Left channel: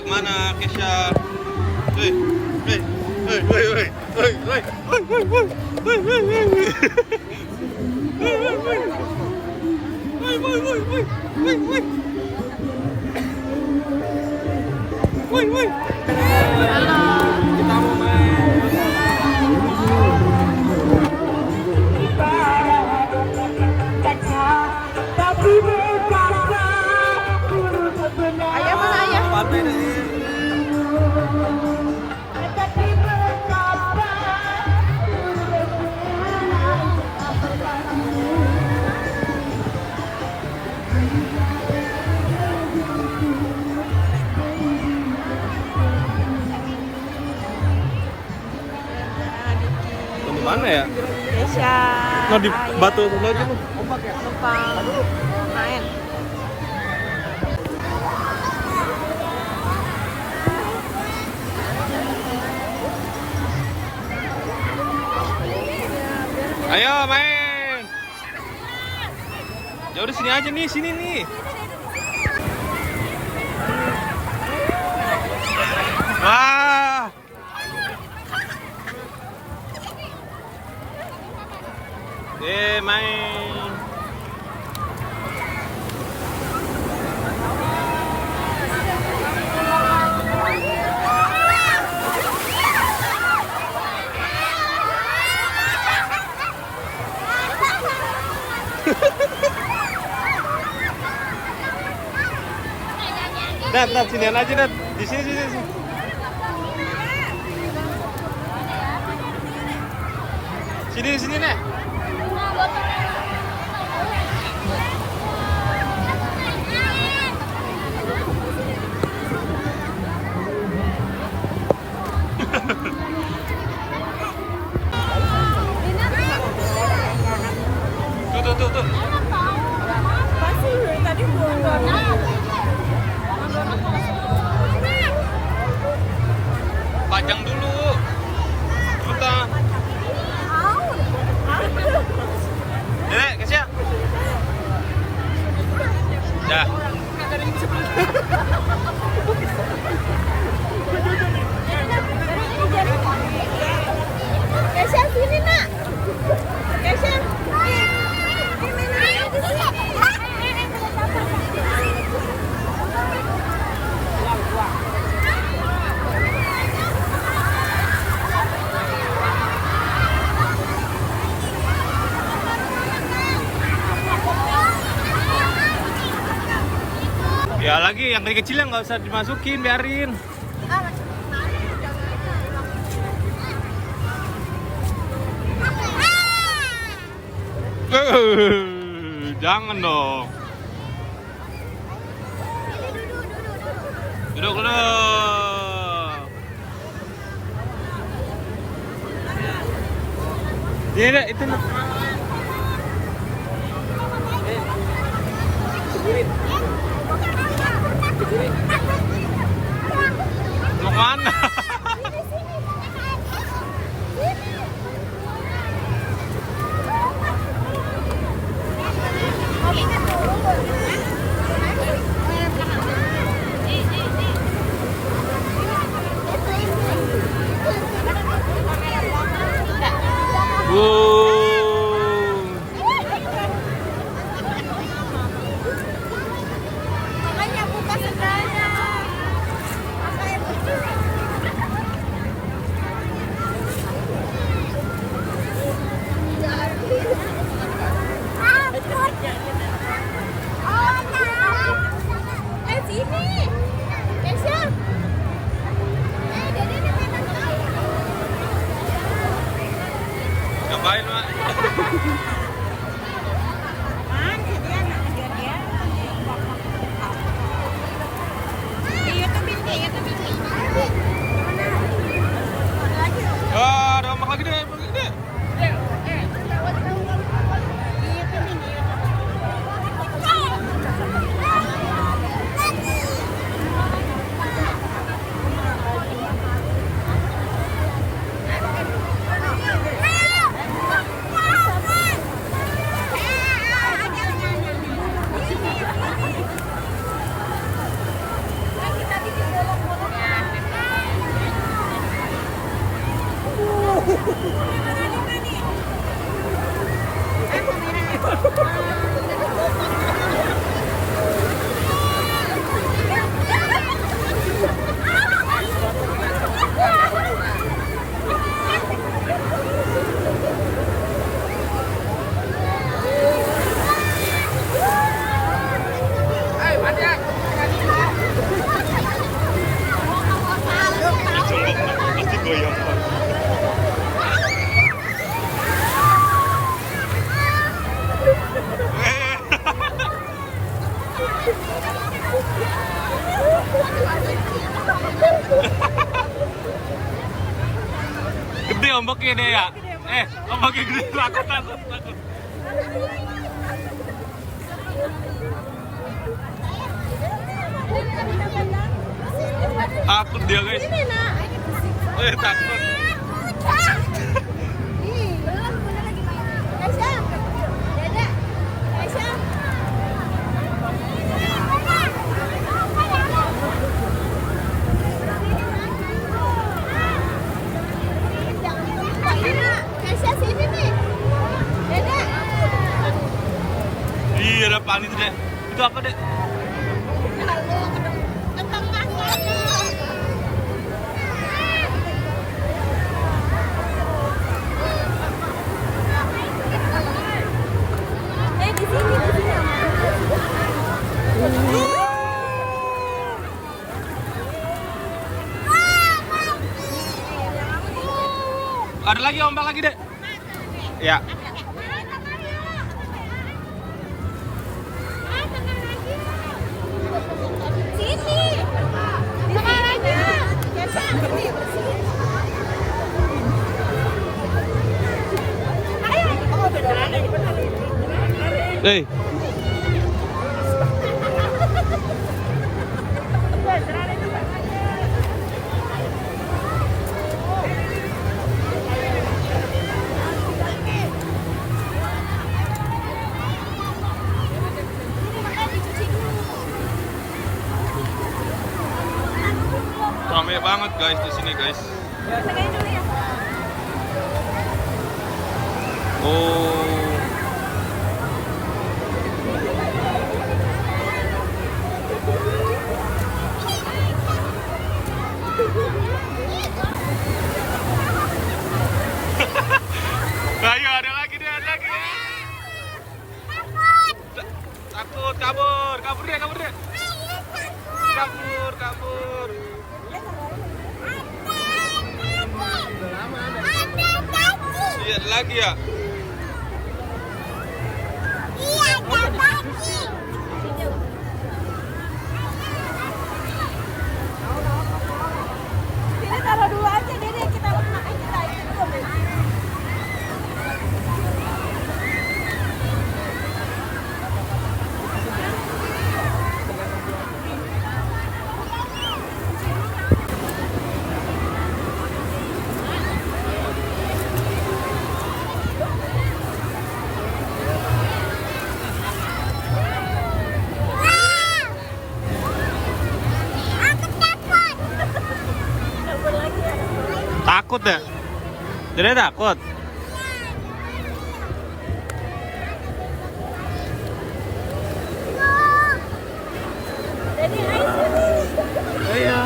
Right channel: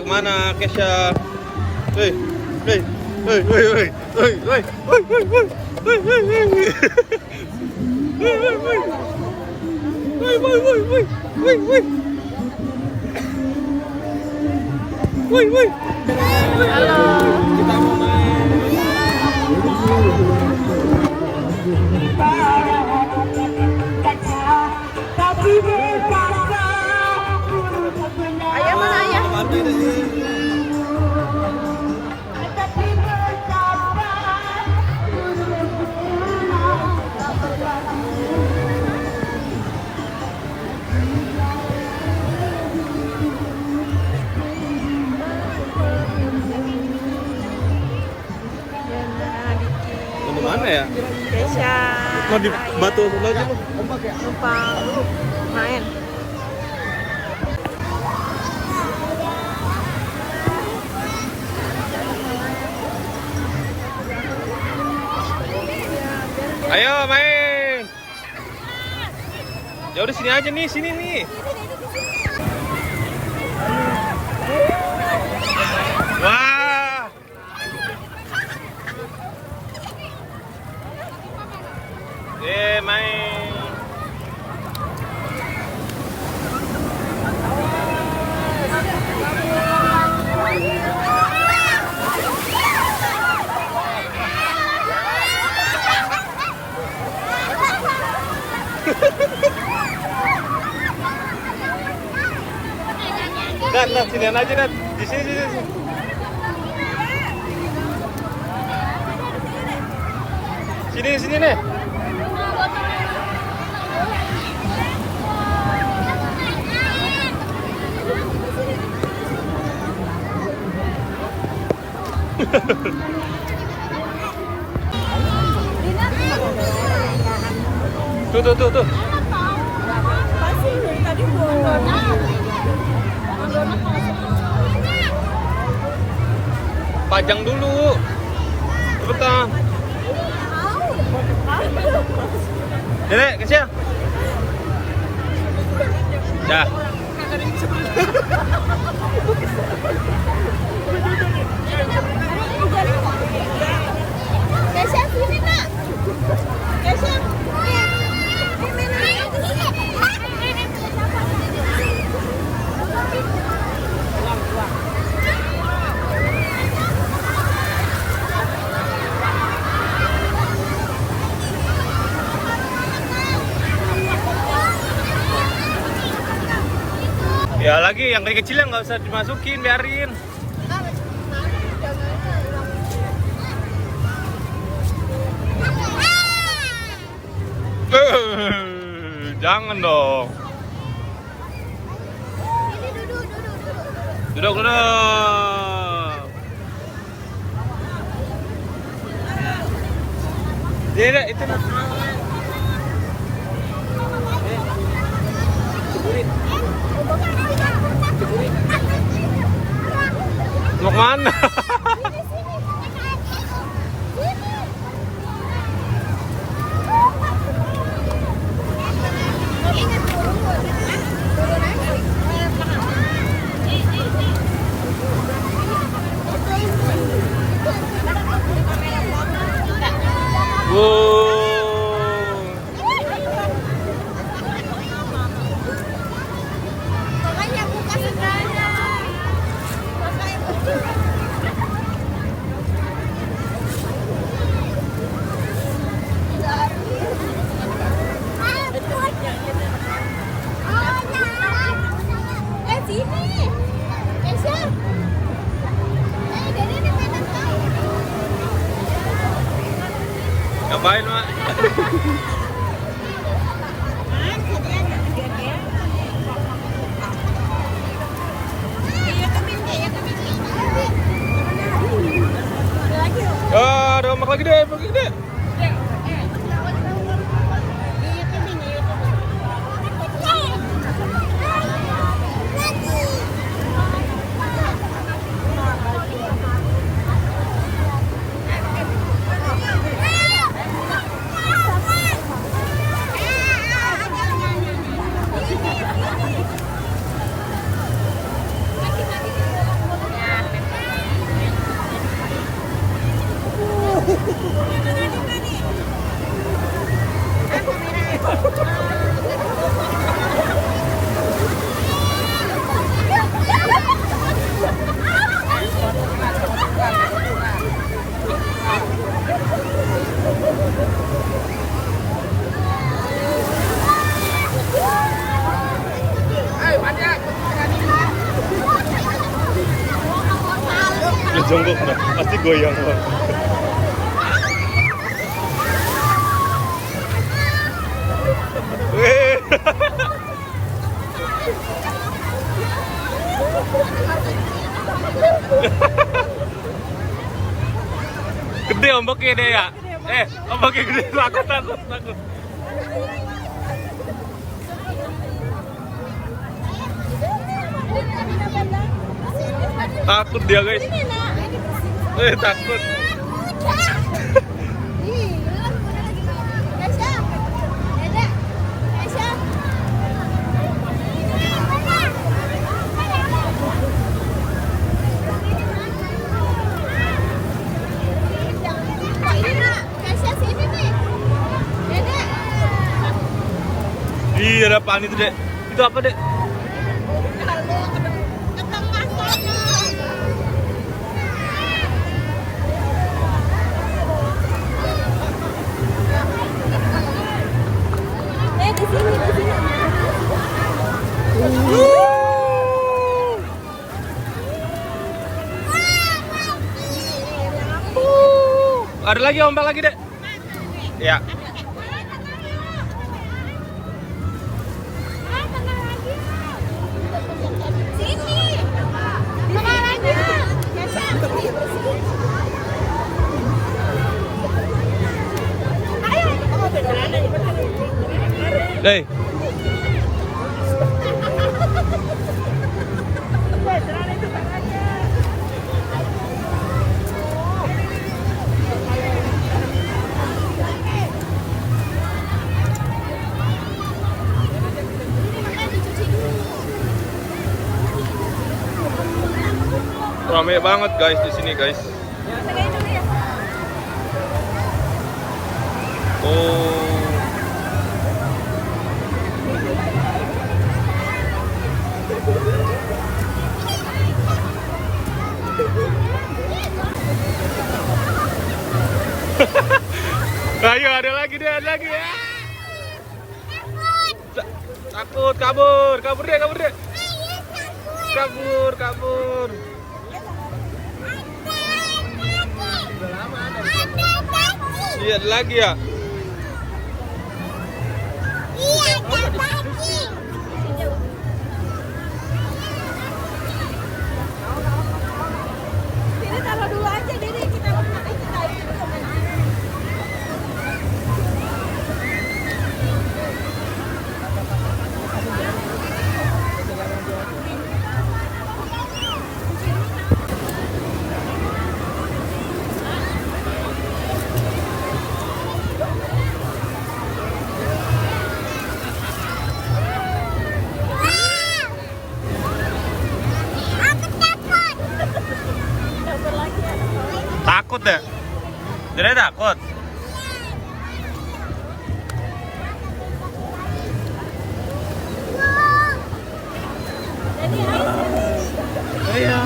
kemana Kesha? Hei, hei, hei, hei, hei, hei, hei, hei, hei, hei, hei, hei, hei. Halo. Kita mau main. Ayah mana ayah? Ini mana ya? Kesha. Mau di batu lagi? Numpang main. Ayo main. Ya udah sini aja nih, sini nih. Wah. Main. Nat, sini aja Nat. Di sini. Sini nih. Tuh. Pasir tadi Pajang dulu. Cepetan. Dek, Kesha. Dah. Kesha sini nak. Kesha. Ya lagi yang kecil yang nggak usah dimasukin, biarin. Jangan dong. Duduk. Ini itu. Mau mana? Makanya buka sekarang. Pakai betul. Sini. Kesha. Dede mainan tahu. Ngapain, Mak? Ada ombak lagi deh. jongkok pasti goyang banget. Gede ombaknya deh ya. Ombaknya gede, takut. Takut dia guys. Takut. Iya, ada apaan itu, Dek? Itu apa, Dek? Di sini. Ada lagi ombak lagi, Dek? Ya. Hey. Ramai banget guys di sini guys. Oh. Ayo ada lagi deh, ada lagi. Takut, kabur dia. Kabur. Iya, ada lagi ya. Iya, ada lagi. Sini taruh dulu aja, Dede. Kita ikut dulu main air. Takut deh. Jadi takut. Ayo.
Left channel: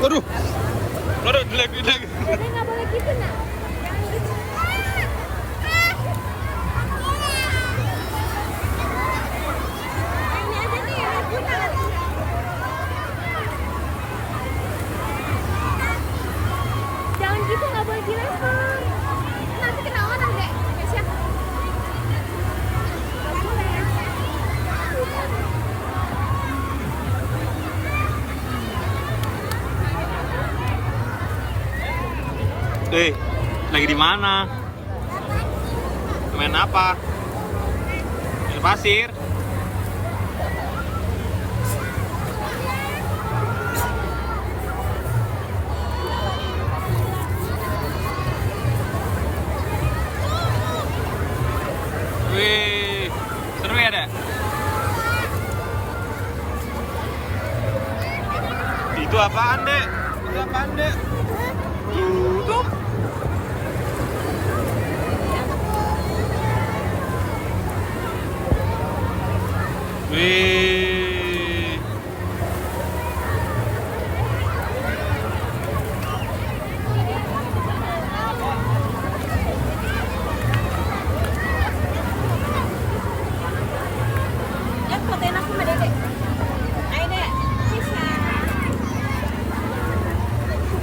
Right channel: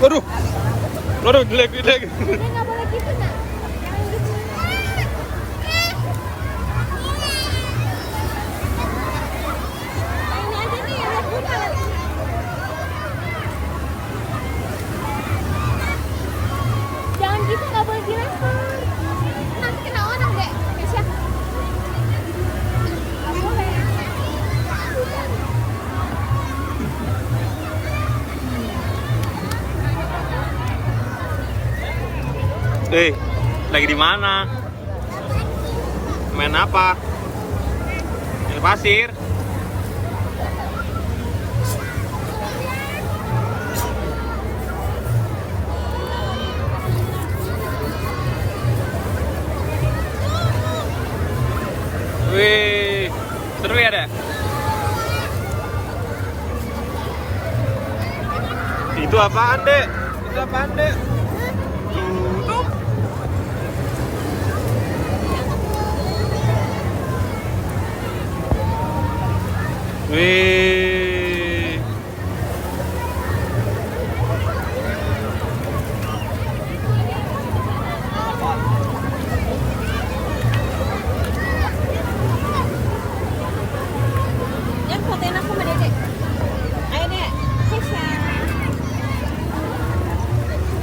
Aduh, jelek. Dede nggak boleh gitu, Nak. Main aja nih, lihat juga lagi. Jangan gitu, nggak boleh dilempar. Nanti kena orang, Dek. Bisa. Nggak boleh. Lagi di mana? Main apa? Main pasir. apaan, Dek? Itu apaan, Dek? Tuh. Wih. Yang fotoin aku sama Dede. Ayo Dek, Sisa.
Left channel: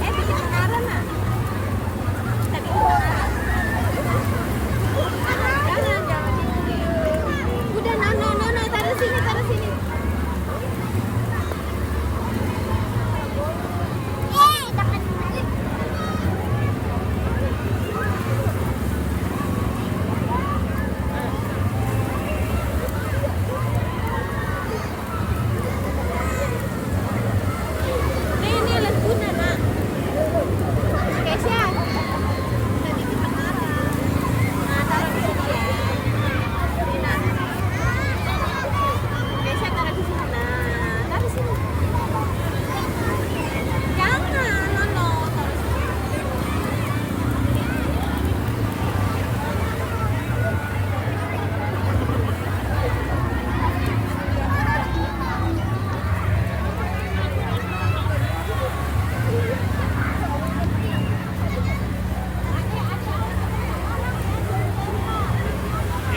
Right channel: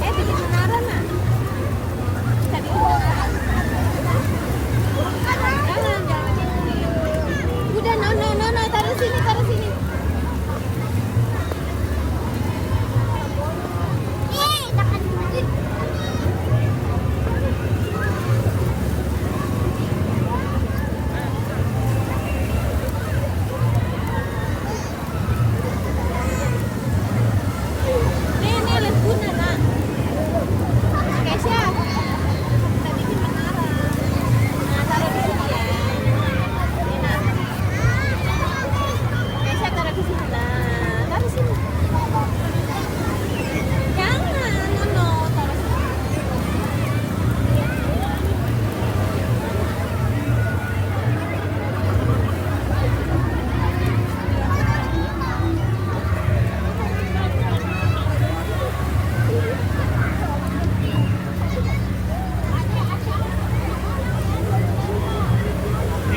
Bikin menara nak. Bisa bikin menara. Jangan. Udah, no, taruh sini.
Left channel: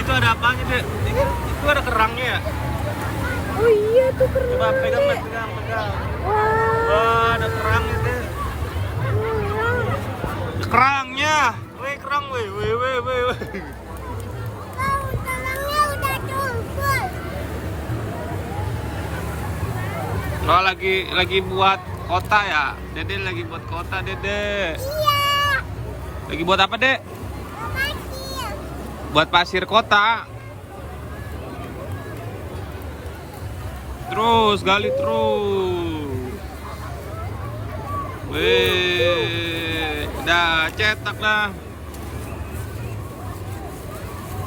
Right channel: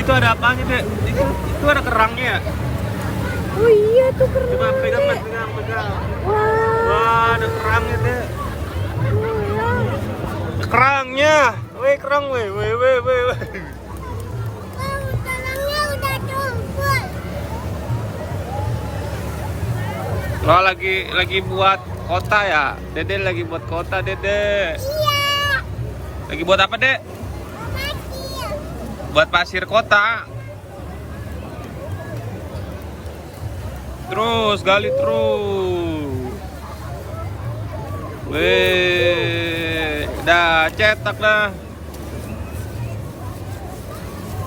Itu ada apa gitu? Itu ada kerangnya ya? Oh iya tuh keren. Coba pegang. Wah, ada kerangnya deh. Kerangnya. Weh, kerang weh. Kalangnya udah tumpul. Nah, lagi buat kota ya? Dede lagi buat kota, Dede. Iya. Lagi buat apa, Dek? Pasir. Buat pasir kota. Terus gali terus. Weh, dah cetak dah.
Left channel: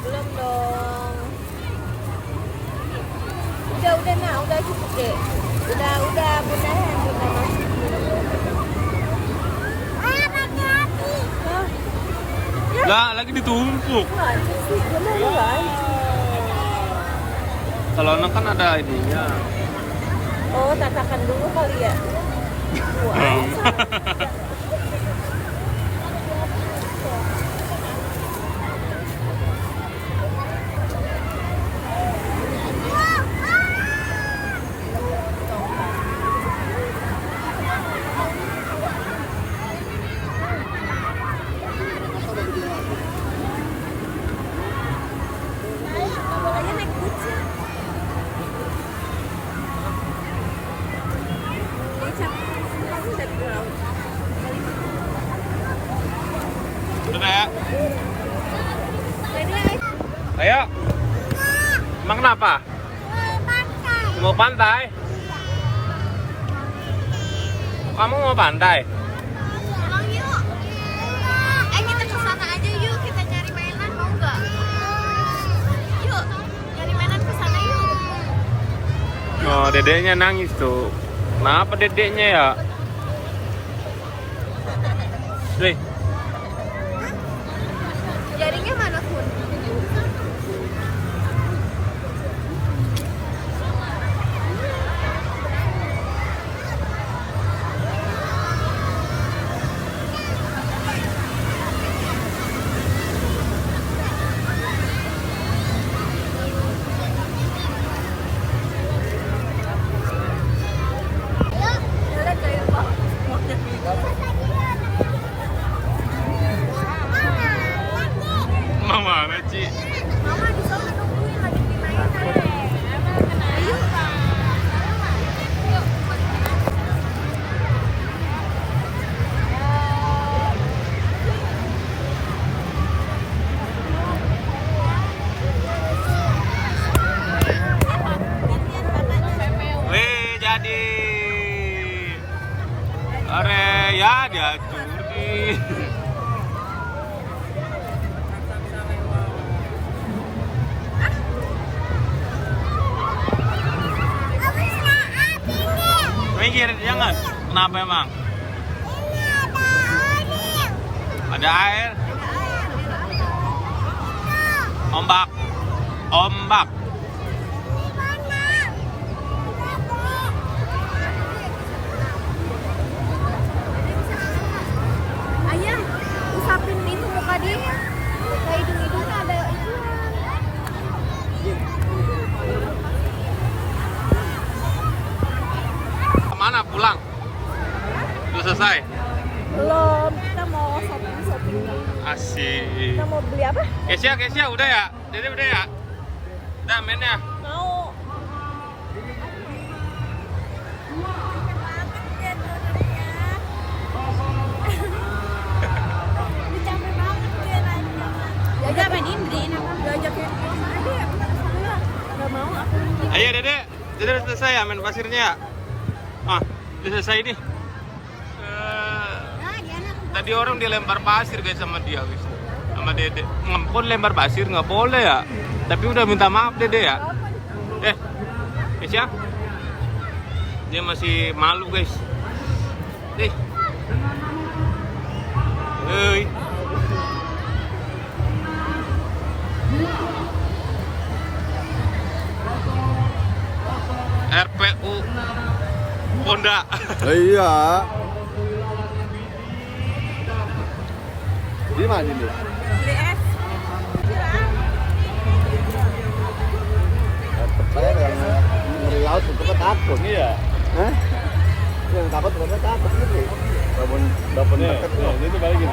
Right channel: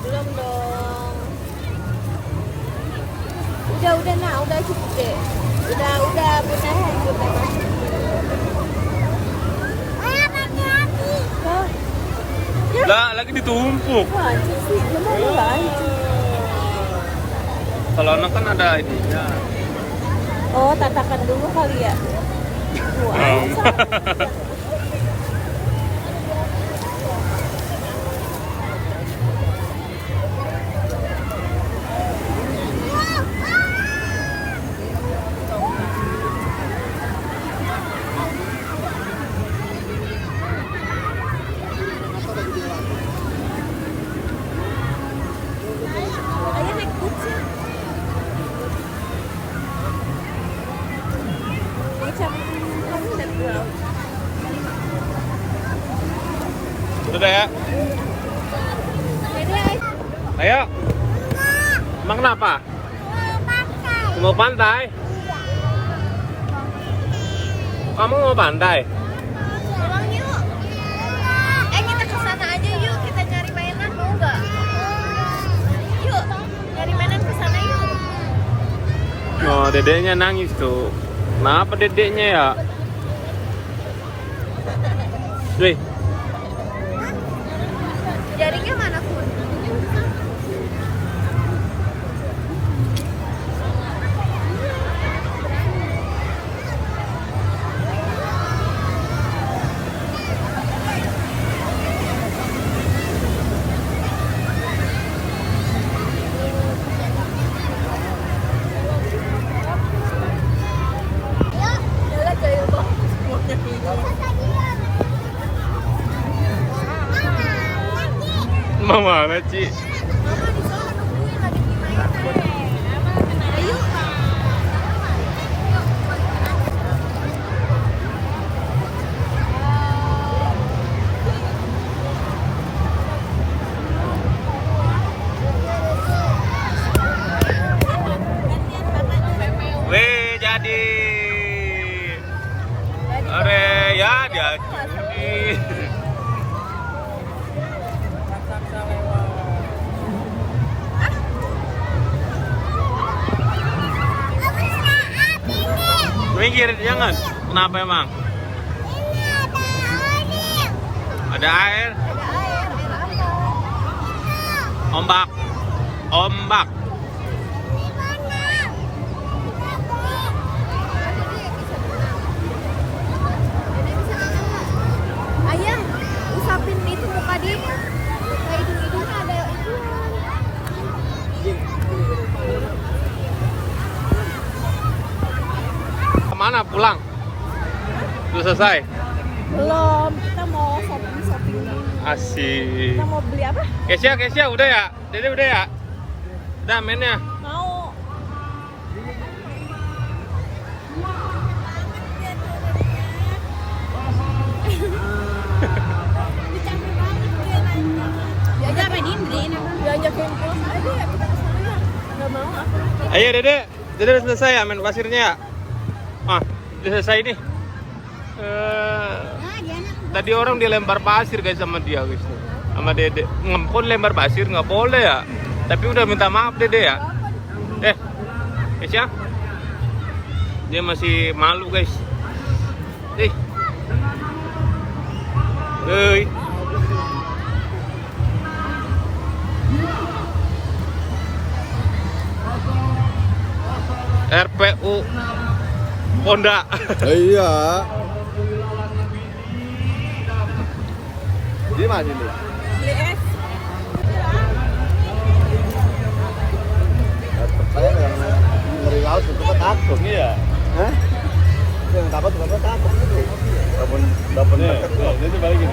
Belum dong. Udah nak, udah cukup deh. Udah beneran. Lah, lagi ditumpuk. Kalau anak kan ada ini. Oh, tatakan dulu kali ya. Ayo naik kucing. Bocah kamu udah tahu. Sudah ya? Ayo. Emang kenapa? Mau pantai? Kamu mau pantai? Pulang yuk. Kita ke sana aja yuk, kita cari mainan mau nggak? Yuk, cari mainan ke sana yuk. Oh, dedeknya nangis tuh. Kenapa dedeknya ya? Wih, Jaringnya mana pun? Mama mana Ci? Mama di sana nungguin lagi mainan. Ayo. Weh, jadi. Are ya jatuh. Minggir, jangan. kenapa emang? Ini ada air. Ada air? Ada air apa? Itu. Ombak. Ombak. Ini mana? Dede bisa berenang. Dede bisa berenang nggak? Ayah, usapin itu muka dia. Kayak hidung-hidungnya ada ituan. Kemana pulang? Sudah selesai? Belum, kita mau shopping dulu. Asik. Kita mau beli apa? Kesia, udah ya? Dede udah ya? Udah mainnya? Mau. Diajak main dinding, diajak main terus aja ya kita kesana ya. Udah mau. Ayo Dede udah selesai ya main pasirnya ya? Ah, udah selesai nih. Tadi orang dilempar pasir guys sama dia guys. Sama Dede. Ngempun lempar pasir nggak boleh ya. Tapi udah minta maaf Dede ya. Kesia? Dia masih malu guys. Hei. RPU Ponda. Iya. Di mana ini? Beli es. Saya yang meriau sudah takut ya. Hah? Yang takut sudah takut. Dapat itu balik.